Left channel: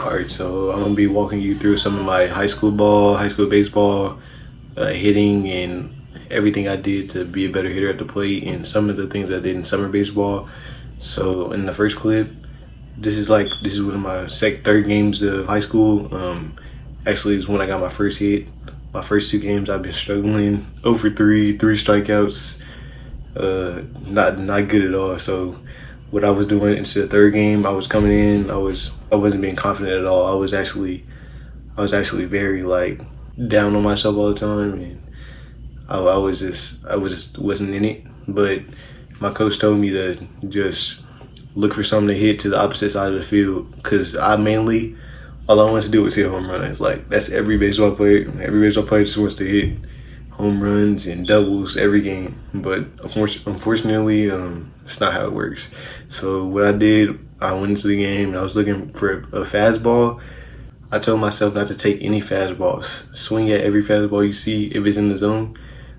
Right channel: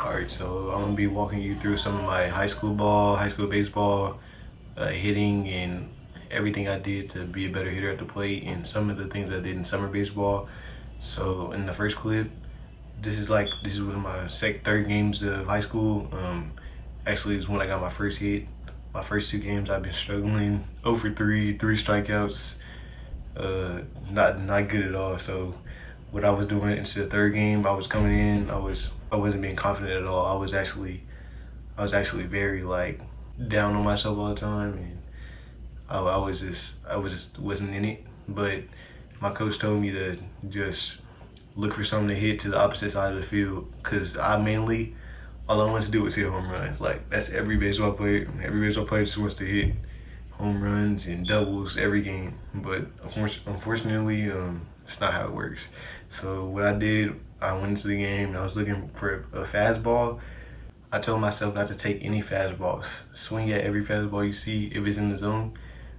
All right, so I'm gonna be walking you through some of my high school ball, high school baseball, hitting, and everything I did to be a better hitter at the plate, and some of the things I did in summer baseball. So in the first clip, this is one of my third games of high school. Actually, it's when I got my first hit. My first two games, I've been struggling. 0 for 3, 3 strikeouts. Not good at all. So what I was doing into the third game, I was coming in. I wasn't being confident at all. I was actually very like down on myself all the time, and I was just wasn't in it. But my coach told me to just look for something to hit to the opposite side of the field, because all I wanted to do was hit home runs. Like, that's every baseball player. Every baseball player just wants to hit home runs and doubles every game. But unfortunately, it's not how it works. So what I did, I went into the game and I was looking for a fastball. I told myself not to take any fastballs. Swing at every fastball you see if it's in the zone,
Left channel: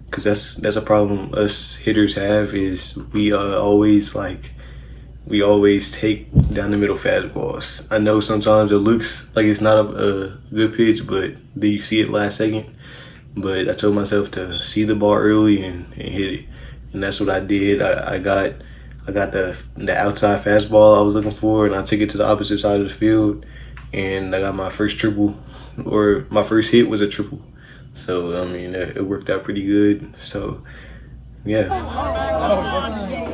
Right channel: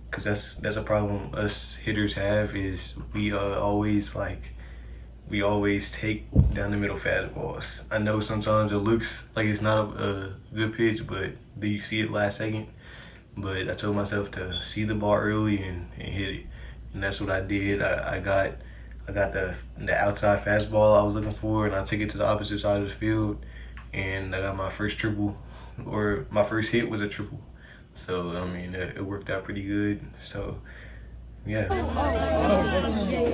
because that's a problem us hitters have, is we always take down the middle fastballs. I know sometimes it looks like it's not a good pitch, but then you see it last second. But I told myself to see the ball early and hit it, and that's what I did. I got the outside fastball I was looking for, and I took it to the opposite side of the field, and I got my first triple, or my first hit was a triple. So I mean, it worked out pretty good. So yeah. Nice hit,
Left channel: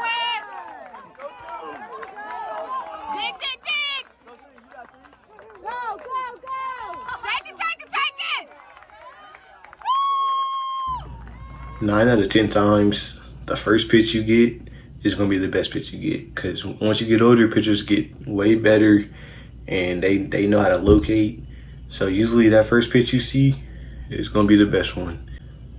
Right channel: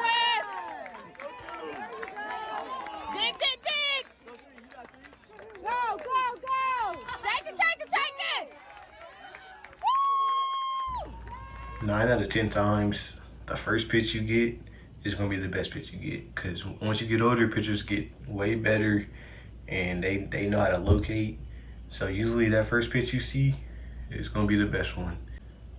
Wes! Dig! Go! Take it! 9 out of 10 times, the first pitch you get is gonna be the best pitch you get. Because once you get older, pitchers get way better, and they know how to locate. So usually that first pitch you see is gonna be the best one.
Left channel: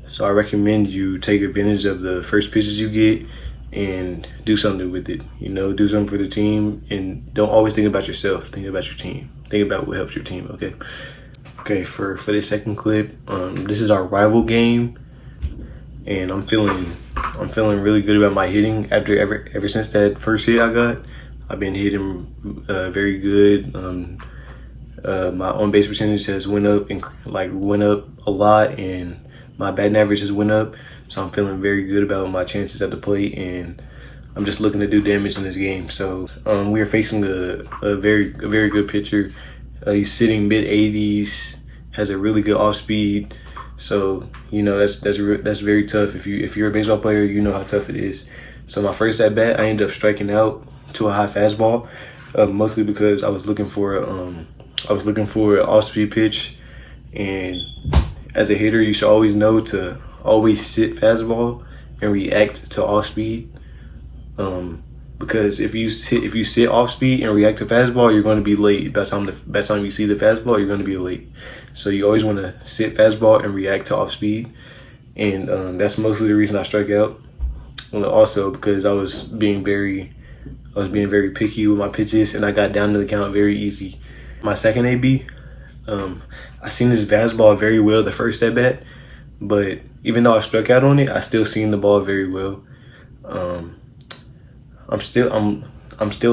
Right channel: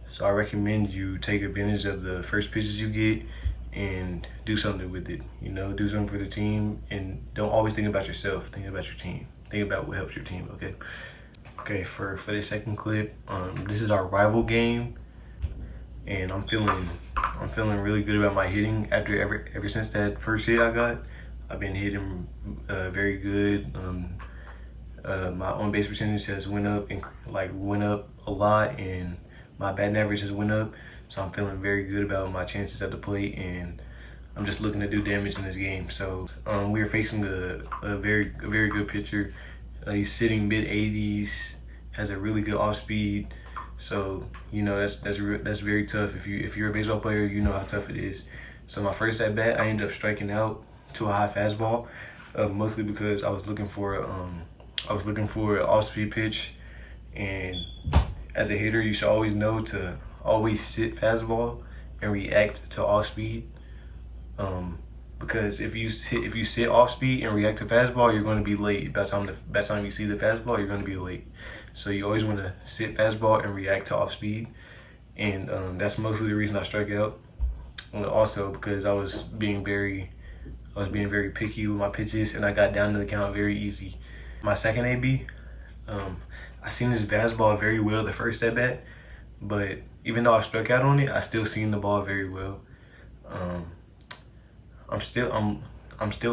So I recommend you take advantage of the first pitches you get and do something with it. You know, do something for the team, and don't always think about yourself. Think about your team. Think about what helps your team. Okay. Okay. For this second clip, this is our rival game, and I'm feeling really good about my hitting ever since that first hit I got. I've been hitting very good. My on base percentage has went up a lot, and my batting average has went up. So I'm feeling very good about my chances at the plate, and I'm just looking to do damage in this game. So we are facing a very good pitcher. He's sitting mid 80s, has a really good off speed. So you know that's very tough. If you're a baseball player, you know how tough it is. So my first at bat, I ended up striking out to a high fastball, mostly because I was looking for an off-speed pitch. And as a hitter, you should always know to always sit fastball and react to off-speed. Because if you sit off-speed and react to fastball, you're going to be late. By the time you see the fastball, you're going to be late. So you always want to sit fastball and react to off-speed. And that's mostly the reason I struck out. Also because I was being very picky with my pitches, and I got down to the count very easy. My second AB, I seen this fastball very well the first at bat, but even though I struck out on it, I still seen the ball very well. I'm still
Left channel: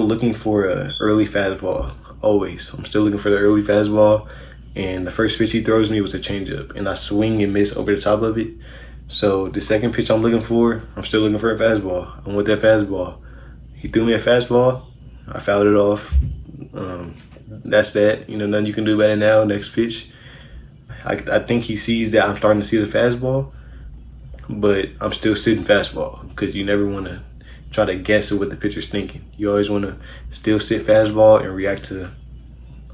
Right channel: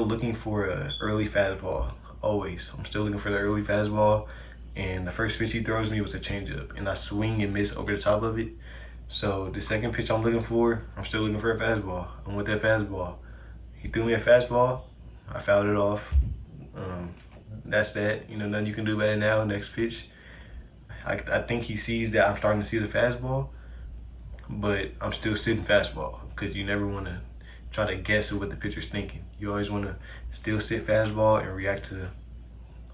looking for a early fastball. Always, I'm still looking for the early fastball, and the first pitch he throws me was a changeup, and I swing and miss over the top of it. So the second pitch I'm still looking for a fastball. I want that fastball. He threw me a fastball. I fouled it off. That's that. You know, nothing you can do about it now. Next pitch. I think he sees that I'm starting to see the fastball, but I'm still sitting fastball, because you never want to try to guess at what the pitcher's thinking. You always want to still sit fastball and react to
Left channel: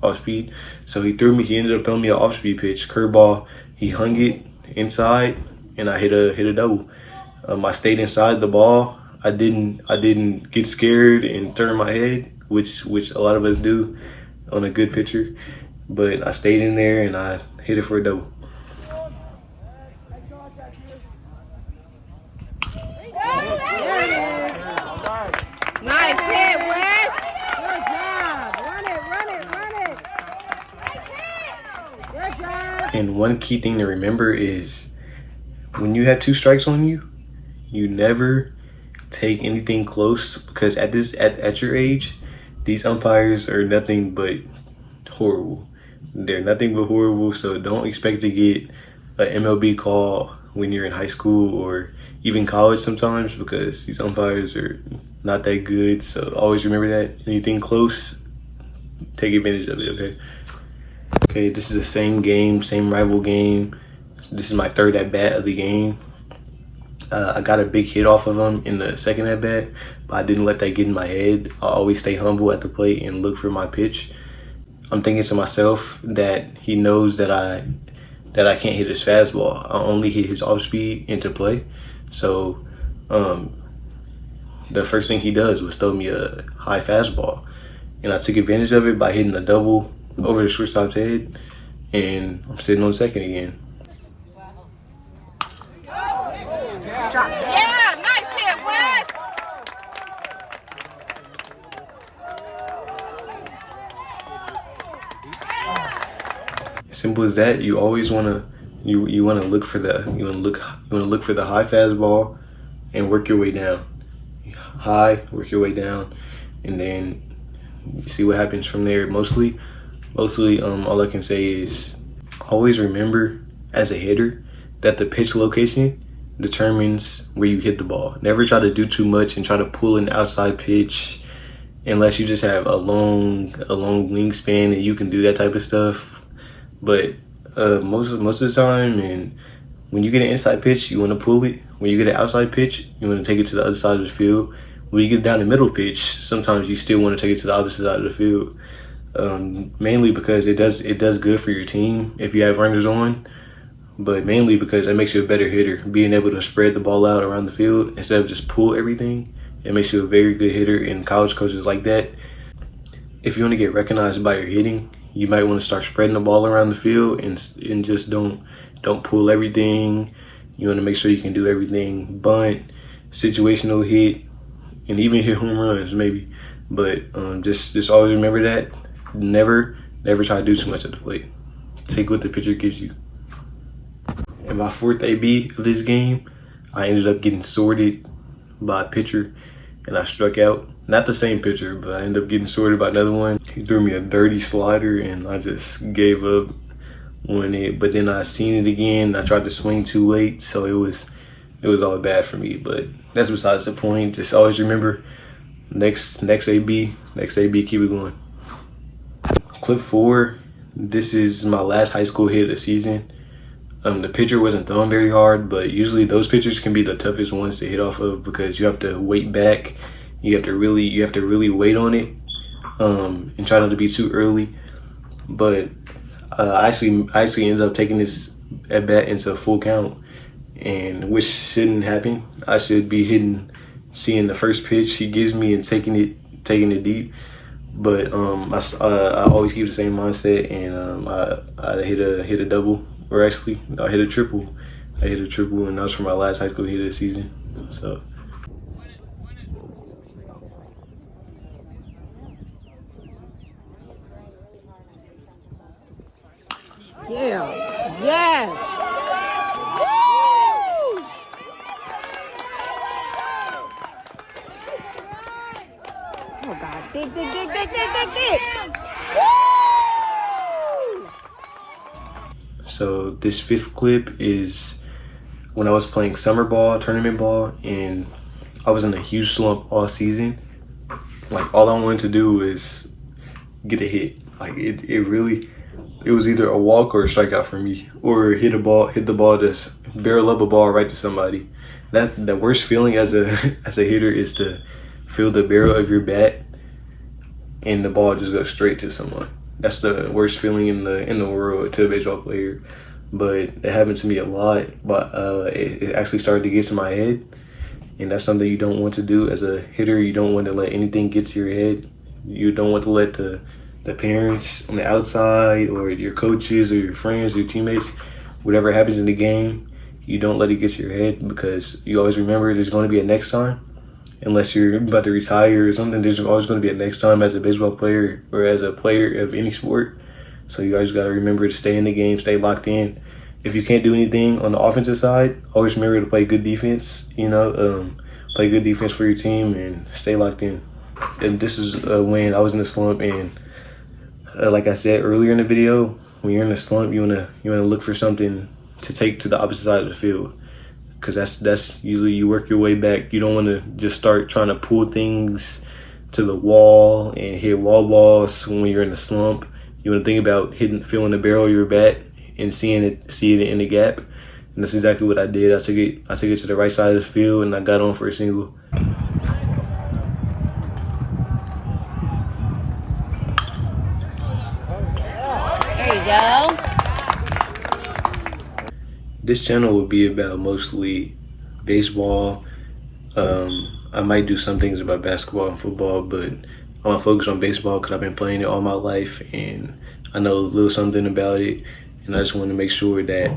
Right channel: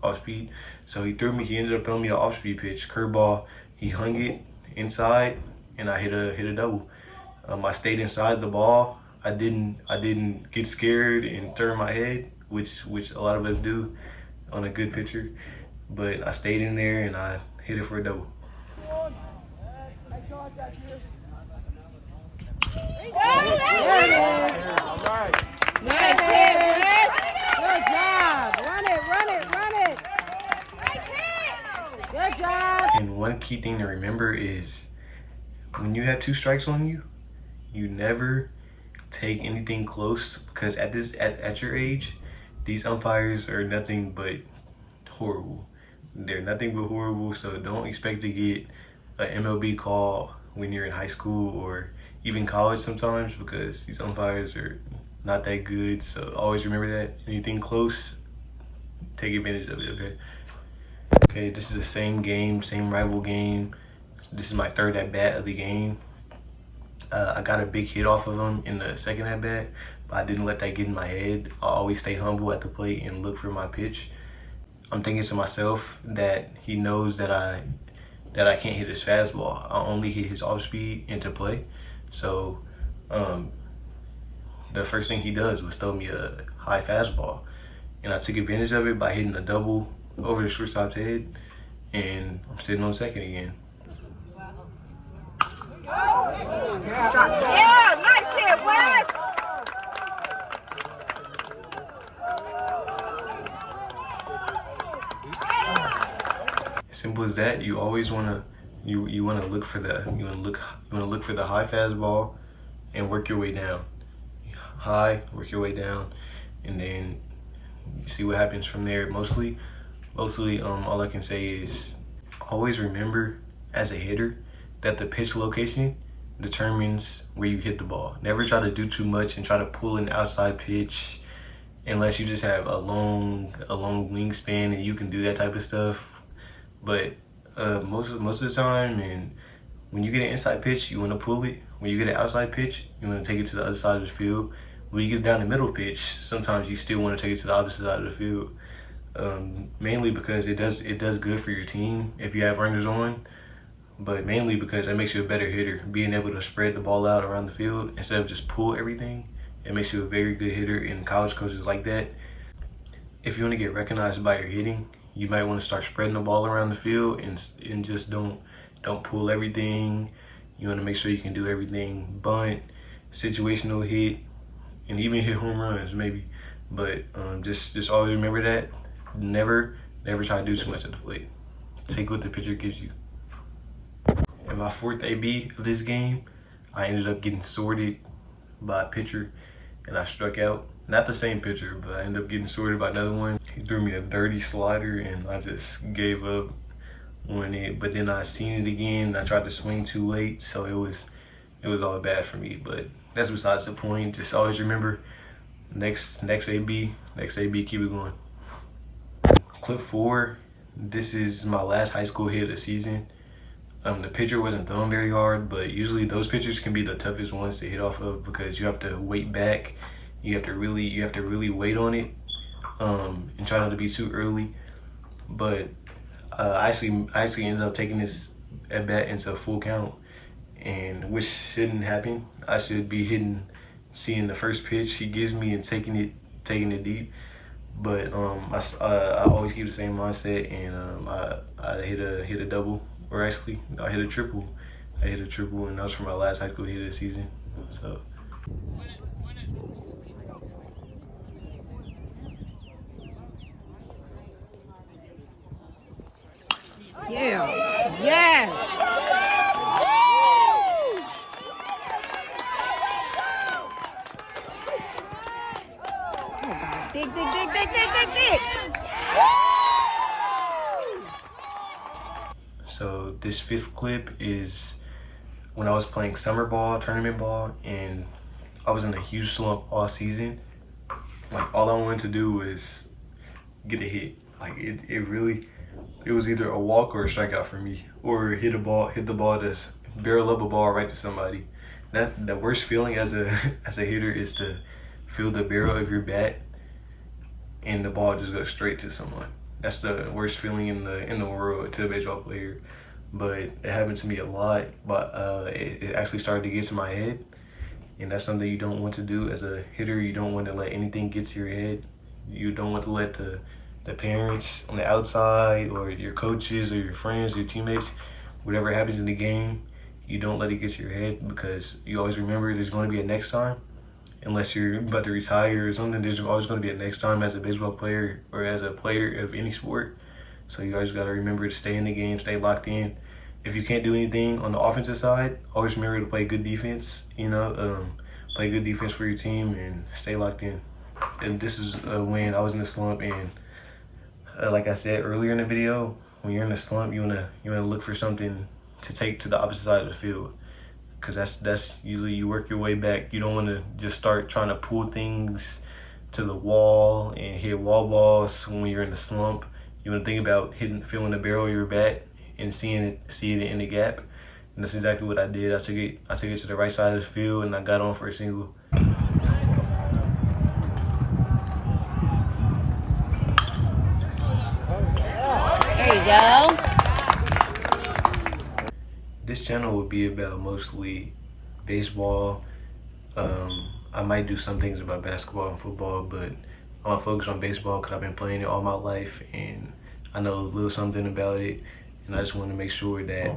off speed. So he ended up throwing me an off speed pitch, curveball. He hung it inside, and I hit a double. I stayed inside the ball. I didn't get scared and turn my head, which a lot of us do on a good pitcher. But I stayed in there and I hit it for a double. There it is. Nice hit, Wes. Good job. Run it. Good job. And one key thing to remember is when you have 2 strikes on you, you never take anything close, because at your age, these umpires are nothing but horrible. They're nothing but horrible. So don't expect to get an MLB call when you're in high school or even college sometimes, because these umpires are not that good. So always remember that. Anything close, take advantage of it, okay? Okay, this is the same game, same rival game. This is my third at bat of the game. I got a big hit off of him in the second at bat, but I didn't let that get in my head. I always stay humble at the plate and look for my pitch. I'm thinking to myself that he knows that I can't hit his fastball. I only hit his off speed into play. So the first thing he does was throw me a high fastball, and I took advantage of it by hitting a double over the shortstop's head, and I'm sitting on second again. Yeah, nice hit, Wes. Simple as that. You always wanna look for the high fastball and work your way down. High, work your way down, and then you see what happens from there. Mostly, all I can say is always remember as a hitter that the pitch location determines where you hit the ball. Never try to do too much and try to pull an outside pitch unless you just have a long wingspan and you can do that type of stuff. But most of the time, and when you get an inside pitch, you want to pull it. When you get an outside pitch, you want to take it to the other side of the field. When you get down the middle pitch, sometimes you still want to take it to the opposite side of the field. Mainly because it does good for your team if you have runners on, but mainly because it makes you a better hitter. Being able to spread the ball out around the field instead of just pull everything, it makes you a very good hitter, and college coaches like that. If you want to get recognized by your hitting, you might want to start spreading the ball around the field and just don't pull everything. You want to make sure you can do everything: bunt, situational hit, and even hit home runs maybe. But just always remember that. Never try to do too much at the plate. Take what the pitcher gives you. In my fourth AB of this game, I ended up getting sorted by a pitcher, and I struck out. Not the same pitcher, but I ended up getting sorted by another one. He threw me a dirty slider, and I just gave up on it. But then I seen it again. I tried to swing too late, so it was all bad for me. But that's besides the point. Just always remember, next AB, keep it going. Clip 4. This is my last high school hit of the season. The pitcher wasn't throwing very hard, but usually those pitchers can be the toughest ones to hit off of, because you have to wait back. You have to really wait on it, and try not to be too early. But I actually ended up taking this at bat into a full count, and which shouldn't happen. I should be seeing the first pitch he gives me and taking it deep. But I always keep the same mindset, and I hit a double, or actually I hit a triple. And that was for my last high school hit of the season. So. Yeah. Yes. Woo! Oh God. Dig. Woo! So this fifth clip is when I was playing summer ball, tournament ball, and I was in a huge slump all season. Like, all I wanted to do was get a hit. Like, it was either a walk or a strikeout for me, or hit the ball, just barrel up a ball right to somebody. That the worst feeling as a hitter is to feel the barrel of your bat and the ball just goes straight to someone. That's the worst feeling in the world to a baseball player. But it happened to me a lot. But it actually started to get to my head, and that's something you don't want to do as a hitter. You don't want to let anything get to your head. You don't want to let the parents on the outside, or your coaches, or your friends, or your teammates, whatever happens in the game, you don't let it get to your head, because you always remember there's going to be a next time. Unless you're about to retire or something, there's always going to be a next time as a baseball player or as a player of any sport. So you guys got to remember to stay in the game, stay locked in. If you can't do anything on the offensive side, always remember to play good defense. play good defense for your team, and stay locked in. And this is when I was in a slump, and like I said earlier in the video, when you're in a slump, you wanna look for something to take to the opposite side of the field, because that's usually you work your way back. You don't want to just start trying to pull things to the wall and hit wall balls when you're in a slump. You want to think about feeling the barrel of your bat and see it in the gap. And that's exactly what I did. I took it to the right side of the field, and I got on for a single. There you go. This channel will be about mostly baseball. I might do some things about basketball and football, but I want to focus on baseball because I've been playing it all my life and I know a little something about it. And I just want to make sure that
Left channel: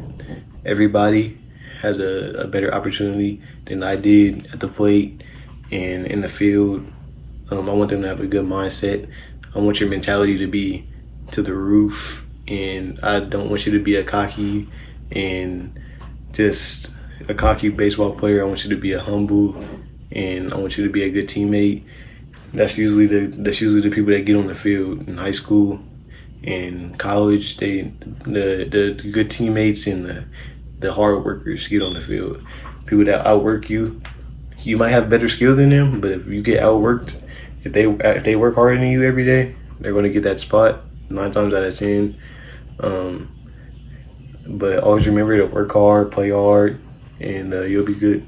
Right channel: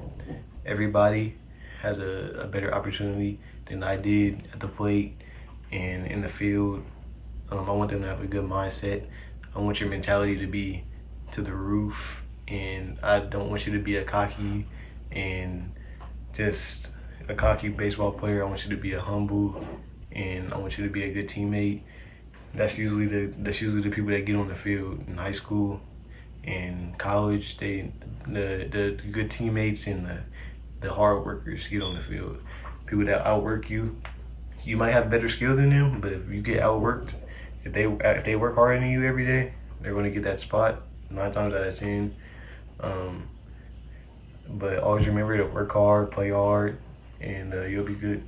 everybody has a better opportunity than I did at the plate and in the field. I want them to have a good mindset. I want your mentality to be to the roof, and I don't want you to be a cocky baseball player. I want you to be a humble, and I want you to be a good teammate. That's usually the people that get on the field in high school and college. The good teammates and the hard workers get on the field. People that outwork you. You might have better skill than them, but if you get outworked, if they work harder than you every day, they're going to get that spot 9 times out of 10. But always remember to work hard, play hard, and you'll be good.